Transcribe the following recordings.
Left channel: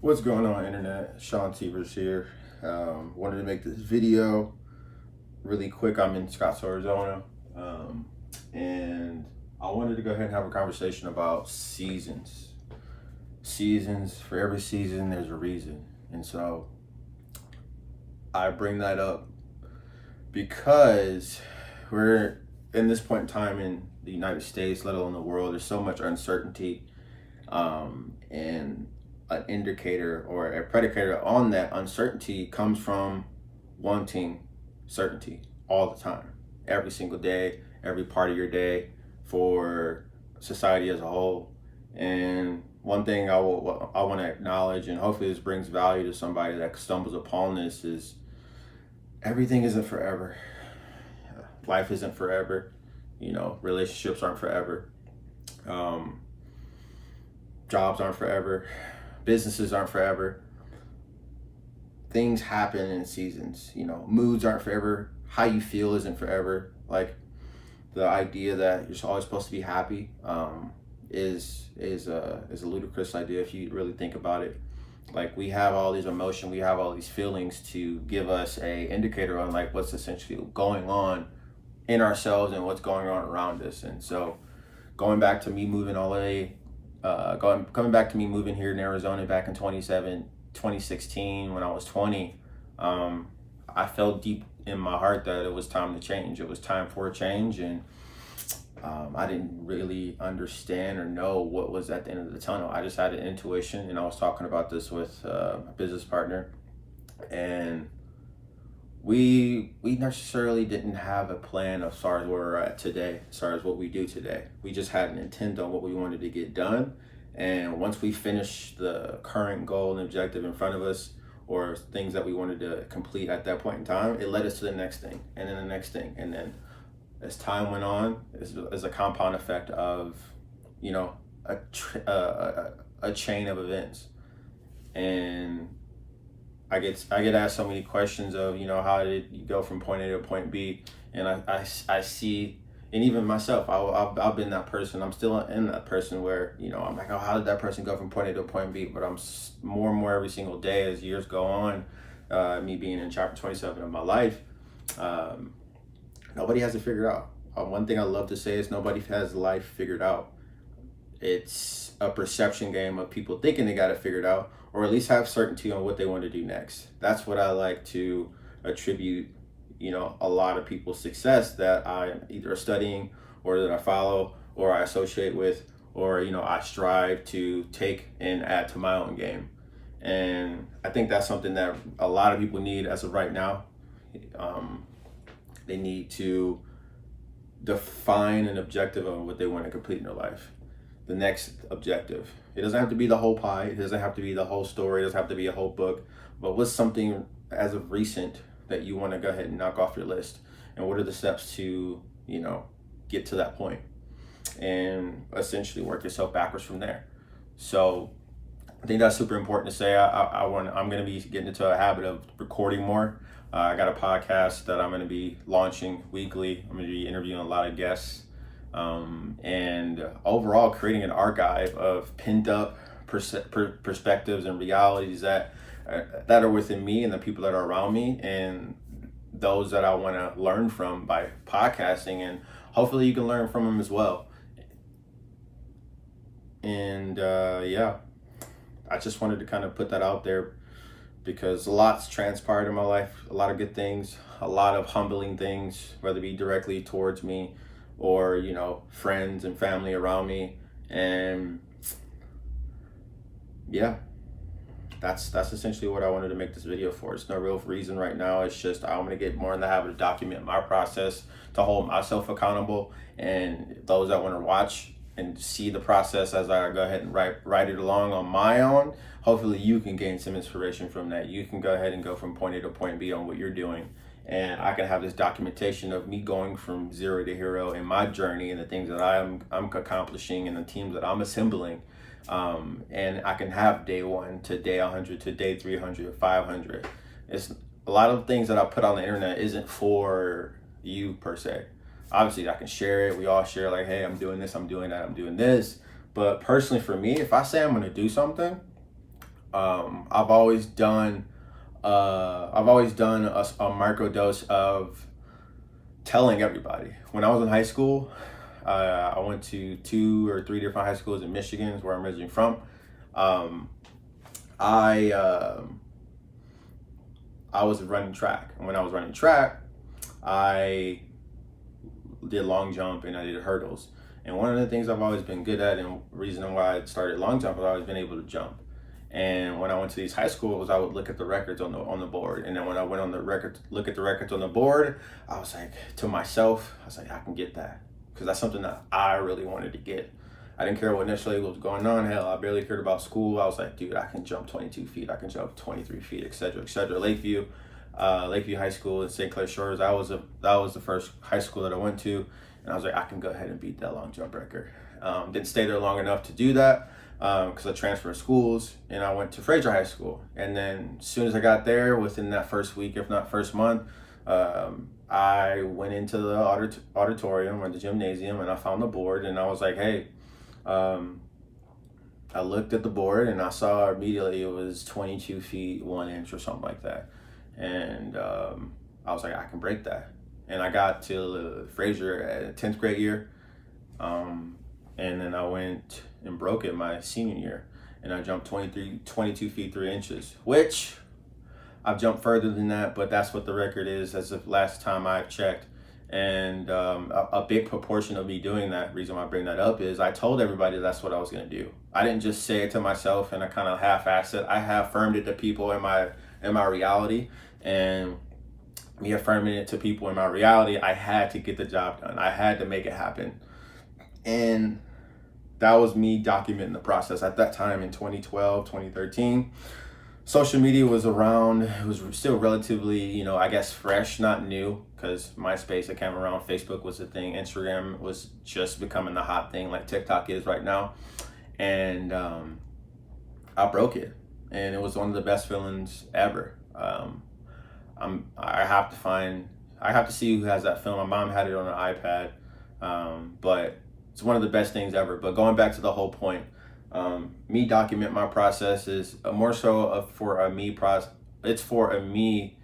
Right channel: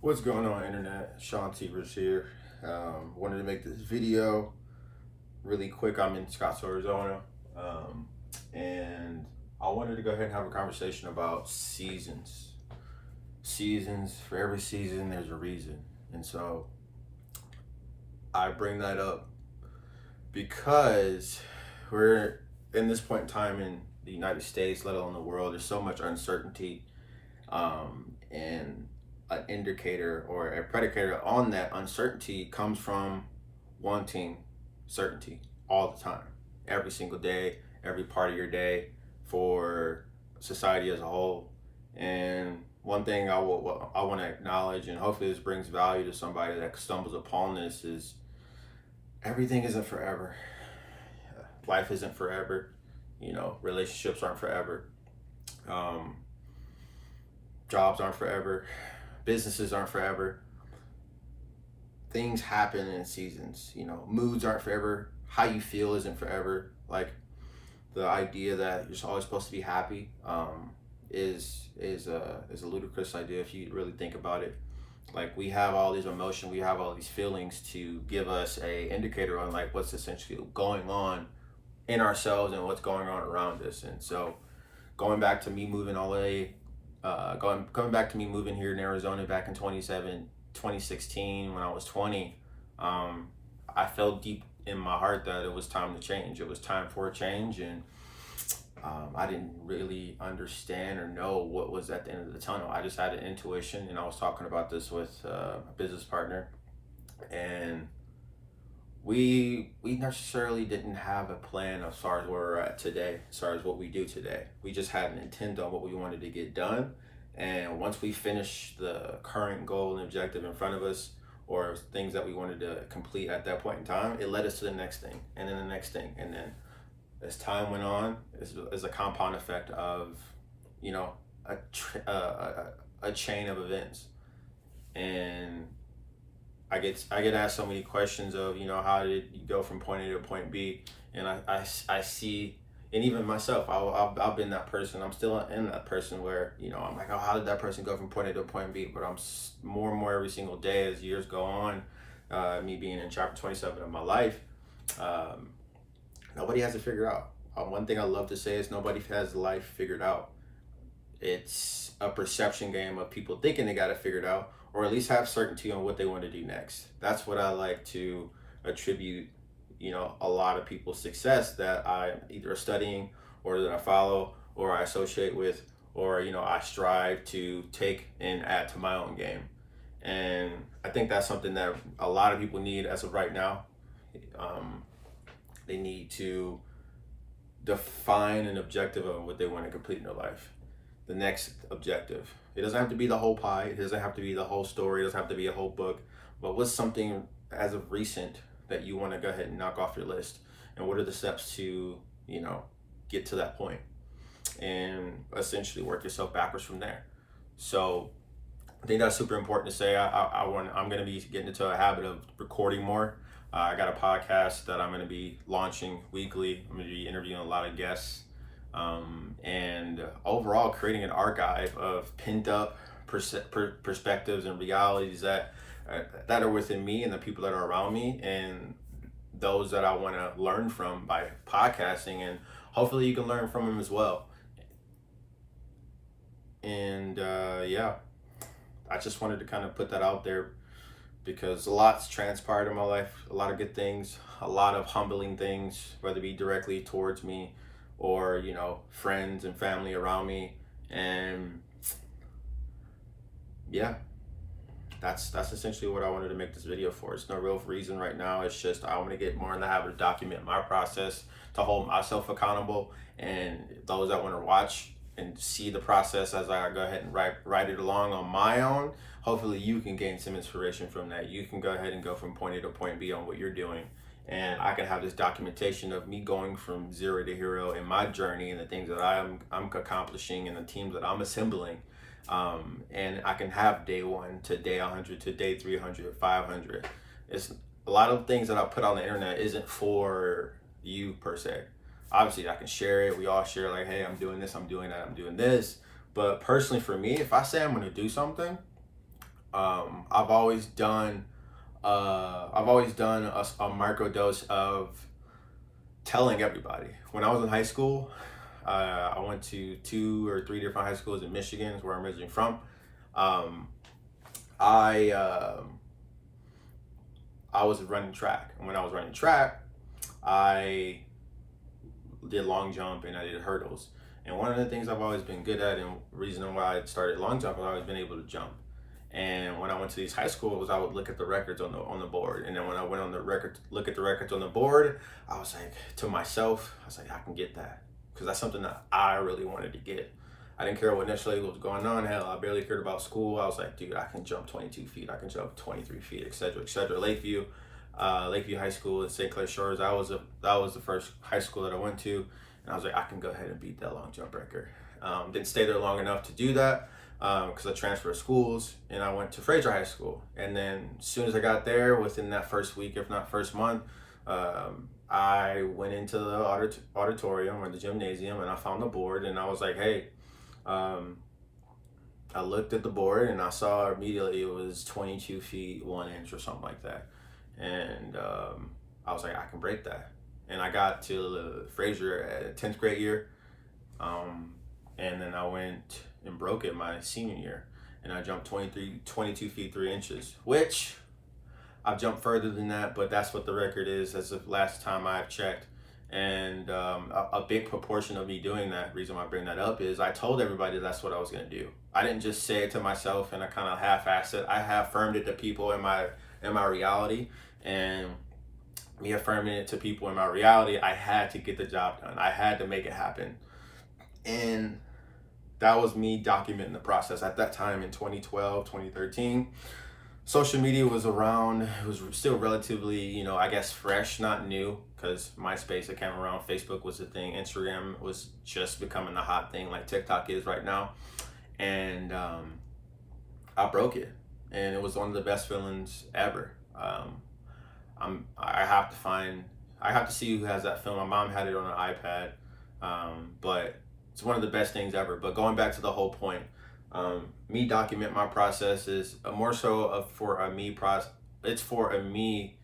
What's going on, internet? Sean Severs here. Wanted to make this video really quick. I'm in Scottsdale, Arizona, and I wanted to go ahead and have a conversation about seasons. Seasons, for every season, there's a reason. And so I bring that up because we're in this point in time in the United States, let alone the world. There's so much uncertainty, and an indicator or a predicator on that uncertainty comes from wanting certainty all the time, every single day, every part of your day, for society as a whole. And one thing I want to acknowledge, and hopefully this brings value to somebody that stumbles upon this, is everything isn't forever. Life isn't forever. Relationships aren't forever. Um, Jobs aren't forever. Businesses aren't forever. Things happen in seasons. Moods aren't forever. How you feel isn't forever. Like, the idea that you're always supposed to be happy is a ludicrous idea if you really think about it. Like, we have all these emotions, we have all these feelings to give us a indicator on like what's essentially going on in ourselves and what's going on around us. And so, going back to me moving all the way, coming back to me moving here in Arizona back in 2016 when I was 20, I felt deep in my heart that it was time to change. It was time for a change, and I didn't really understand or know what was at the end of the tunnel. I just had an intuition, and I was talking about this with a business partner, and we necessarily didn't have a plan as far as where we're at today, as far as what we do today. We just had an intent on what we wanted to get done, and once we finished the current goal and objective in front of us, or things that we wanted to complete at that point in time, it led us to the next thing, and then the next thing, and then as time went on, is a compound effect of, you know, a chain of events. And I get asked so many questions of, how did you go from point A to point B? And I see, and even myself, I've been that person. I'm still in that person where, I'm like, oh, how did that person go from point A to point B? But I'm more and more every single day as years go on, me being in chapter 27 of my life, nobody has it figured out. One thing I love to say is nobody has life figured out. It's a perception game of people thinking they got it figured out, or at least have certainty on what they want to do next. That's what I like to attribute, a lot of people's success that I'm either studying or that I follow or I associate with, or, I strive to take and add to my own game. And I think that's something that a lot of people need as of right now. They need to define an objective of what they want to complete in their life. The next objective. It doesn't have to be the whole pie. It doesn't have to be the whole story. It doesn't have to be a whole book. But what's something as of recent that you want to go ahead and knock off your list? And what are the steps to, get to that point? And essentially work yourself backwards from there. So I think that's super important to say. I'm going to be getting into a habit of recording more. I got a podcast that I'm going to be launching weekly. I'm going to be interviewing a lot of guests, and overall creating an archive of pinned up perspectives and realities that are within me and the people that are around me, and those that I want to learn from by podcasting, and hopefully you can learn from them as well. And yeah, I just wanted to kind of put that out there because a lot's transpired in my life, a lot of good things, a lot of humbling things, whether it be directly towards me or, friends and family around me. And yeah, that's essentially what I wanted to make this video for. It's no real reason right now. It's just I want to get more in the habit of document my process to hold myself accountable, and those that want to watch and see the process as I go ahead and write it along on my own. Hopefully you can gain some inspiration from that. You can go ahead and go from point A to point B on what you're doing. And I can have this documentation of me going from zero to hero in my journey and the things that I'm accomplishing and the teams that I'm assembling. And I can have day 1 to day 100 to day 300, 500. It's a lot of things that I put on the internet isn't for you per se. Obviously I can share it. We all share like, hey, I'm doing this, I'm doing that, I'm doing this. But personally for me, if I say I'm going to do something, I've always done a micro dose of telling everybody. When I was in high school, I went to 2 or 3 different high schools in Michigan, is where I'm originally from. Um, I I was running track, and when I was running track, I did long jump and I did hurdles. And one of the things I've always been good at, and reason why I started long jump, I've always been able to jump. And when I went to these high schools, I would look at the records on the board. And then when I went on the record, look at the records on the board, I was like to myself, I was like, I can get that, because that's something that I really wanted to get. I didn't care what initially was going on. Hell, I barely cared about school. I was like, dude, I can jump 22 feet. I can jump 23 feet, etc., etc. Lakeview High School in St. Clair Shores. That was the first high school that I went to, and I was like, I can go ahead and beat that long jump record. Didn't stay there long enough to do that, because I transferred schools and I went to Fraser High School. And then as soon as I got there, within that first week, if not first month, I went into the auditorium or the gymnasium, and I found the board, and I was like, hey, I looked at the board and I saw immediately it was 22 feet 1 inch or something like that. And I was like, I can break that. And I got to Fraser at 10th grade year. And then I went and broke it my senior year. And I jumped 22 feet 3 inches, which I've jumped further than that, but that's what the record is as of last time I've checked. And a big proportion of me doing that, reason why I bring that up, is I told everybody that's what I was going to do. I didn't just say it to myself and I kind of half-assed it. I affirmed it to people in my reality. And me affirming it to people in my reality, I had to get the job done. I had to make it happen. And that was me documenting the process. At that time in 2012, 2013, social media was around. It was still relatively, I guess fresh, not new, because MySpace had came around, Facebook was a thing, Instagram was just becoming the hot thing like TikTok is right now. And I broke it, and it was one of the best feelings ever. I have to see who has that film. My mom had it on an iPad, but it's one of the best things ever. But going back to the whole point, me document my process is more so for a me process. It's for a me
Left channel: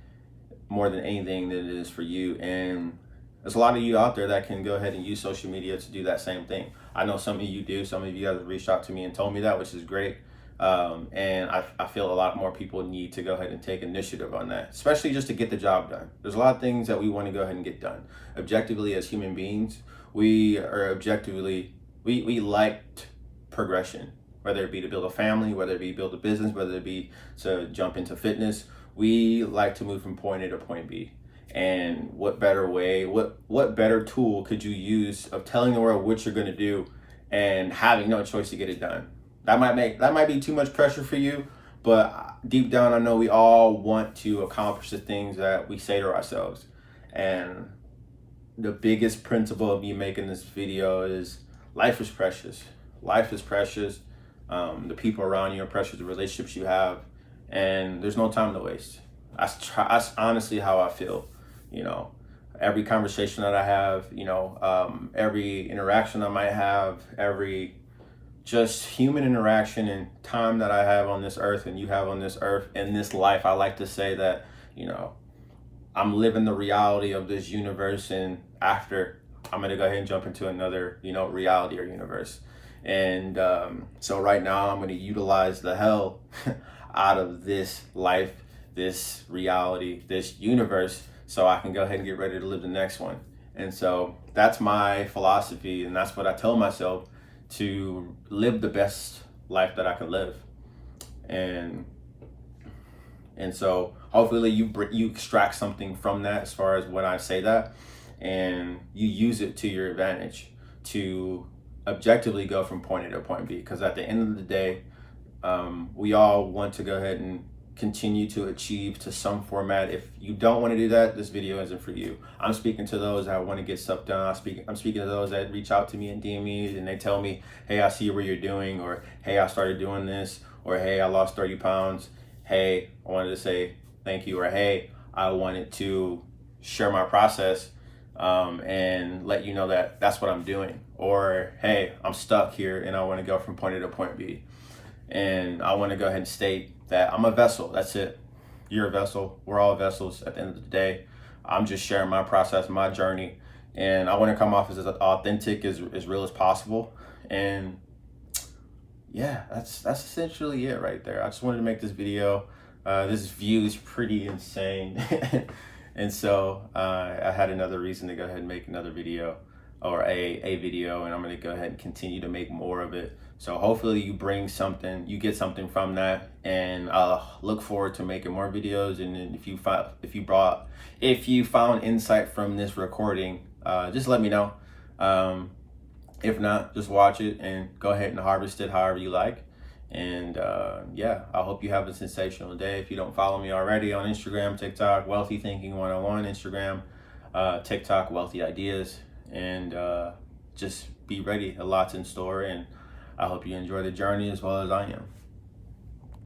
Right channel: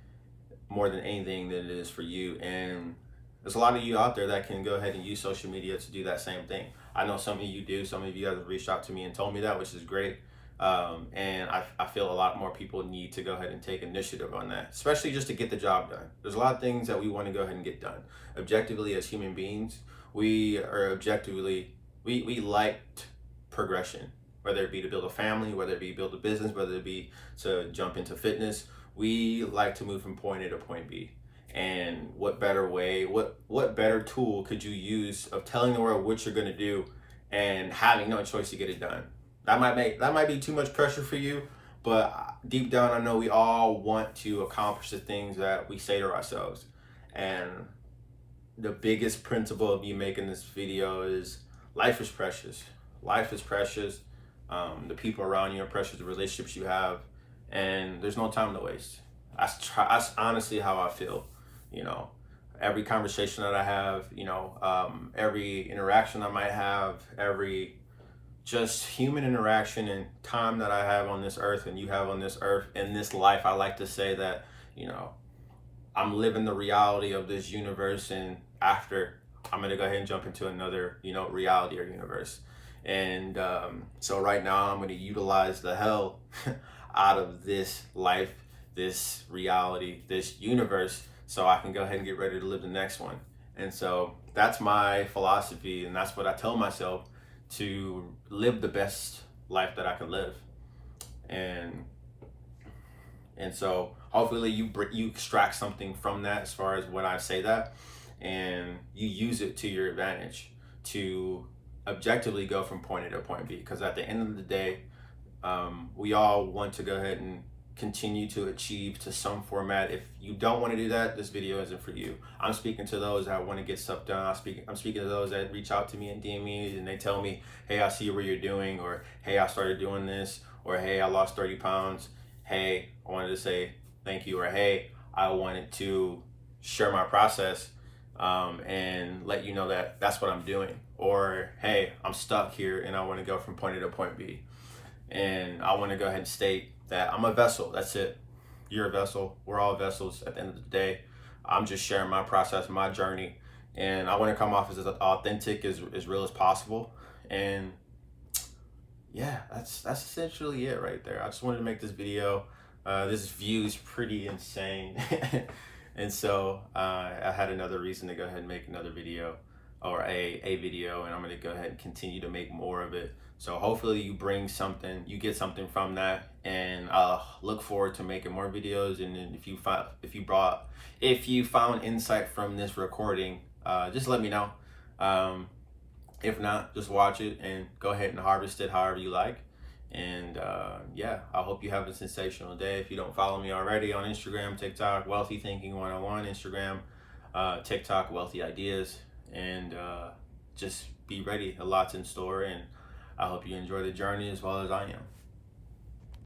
more than anything than it is for you. And there's a lot of you out there that can go ahead and use social media to do that same thing. I know some of you do. Some of you guys have reached out to me and told me that, which is great. And I feel a lot more people need to go ahead and take initiative on that, especially just to get the job done. There's a lot of things that we want to go ahead and get done. Objectively, as human beings, we liked progression, whether it be to build a family, whether it be build a business, whether it be to jump into fitness. We like to move from point A to point B. And what better way, what better tool could you use of telling the world what you're going to do and having no choice to get it done? That might be too much pressure for you, but deep down I know we all want to accomplish the things that we say to ourselves. And the biggest principle of me making this video is life is precious. Life is precious. The people around you are precious, the relationships you have, and there's no time to waste. That's honestly how I feel. Every conversation that I have, every interaction I might have, every just human interaction and time that I have on this earth and you have on this earth, in this life, I like to say that, I'm living the reality of this universe, and after I'm going to go ahead and jump into another, reality or universe. And so right now I'm going to utilize the hell out of this life, this reality, this universe, so I can go ahead and get ready to live the next one. And so that's my philosophy, and that's what I tell myself, to live the best life that I can live. And so hopefully you extract something from that as far as when I say that, and you use it to your advantage to objectively go from point A to point B. Because at the end of the day, we all want to go ahead and continue to achieve to some format. If you don't want to do that, this video isn't for you. I'm speaking to those that want to get stuff done. I'm speaking to those that reach out to me and DM me and they tell me, hey, I see what you're doing, or hey, I started doing this, or hey, I lost 30 pounds. Hey, I wanted to say thank you, or hey, I wanted to share my process and let you know that that's what I'm doing, or hey, I'm stuck here and I want to go from point A to point B. And I want to go ahead and state that I'm a vessel. That's it. You're a vessel. We're all vessels at the end of the day. I'm just sharing my process, my journey, and I want to come off as authentic, as real as possible. And yeah, that's essentially it right there. I just wanted to make this video. This view is pretty insane. And so I had another reason to go ahead and make another video, or a video, and I'm going to go ahead and continue to make more of it. So hopefully you bring something, you get something from that, and I'll look forward to making more videos. And then if you found insight from this recording, just let me know. If not, just watch it and go ahead and harvest it however you like. And yeah, I hope you have a sensational day. If you don't follow me already on Instagram, TikTok, Wealthy Thinking 101, Instagram, TikTok, Wealthy Ideas, and just be ready. A lot's in store, and I hope you enjoy the journey as well as I am.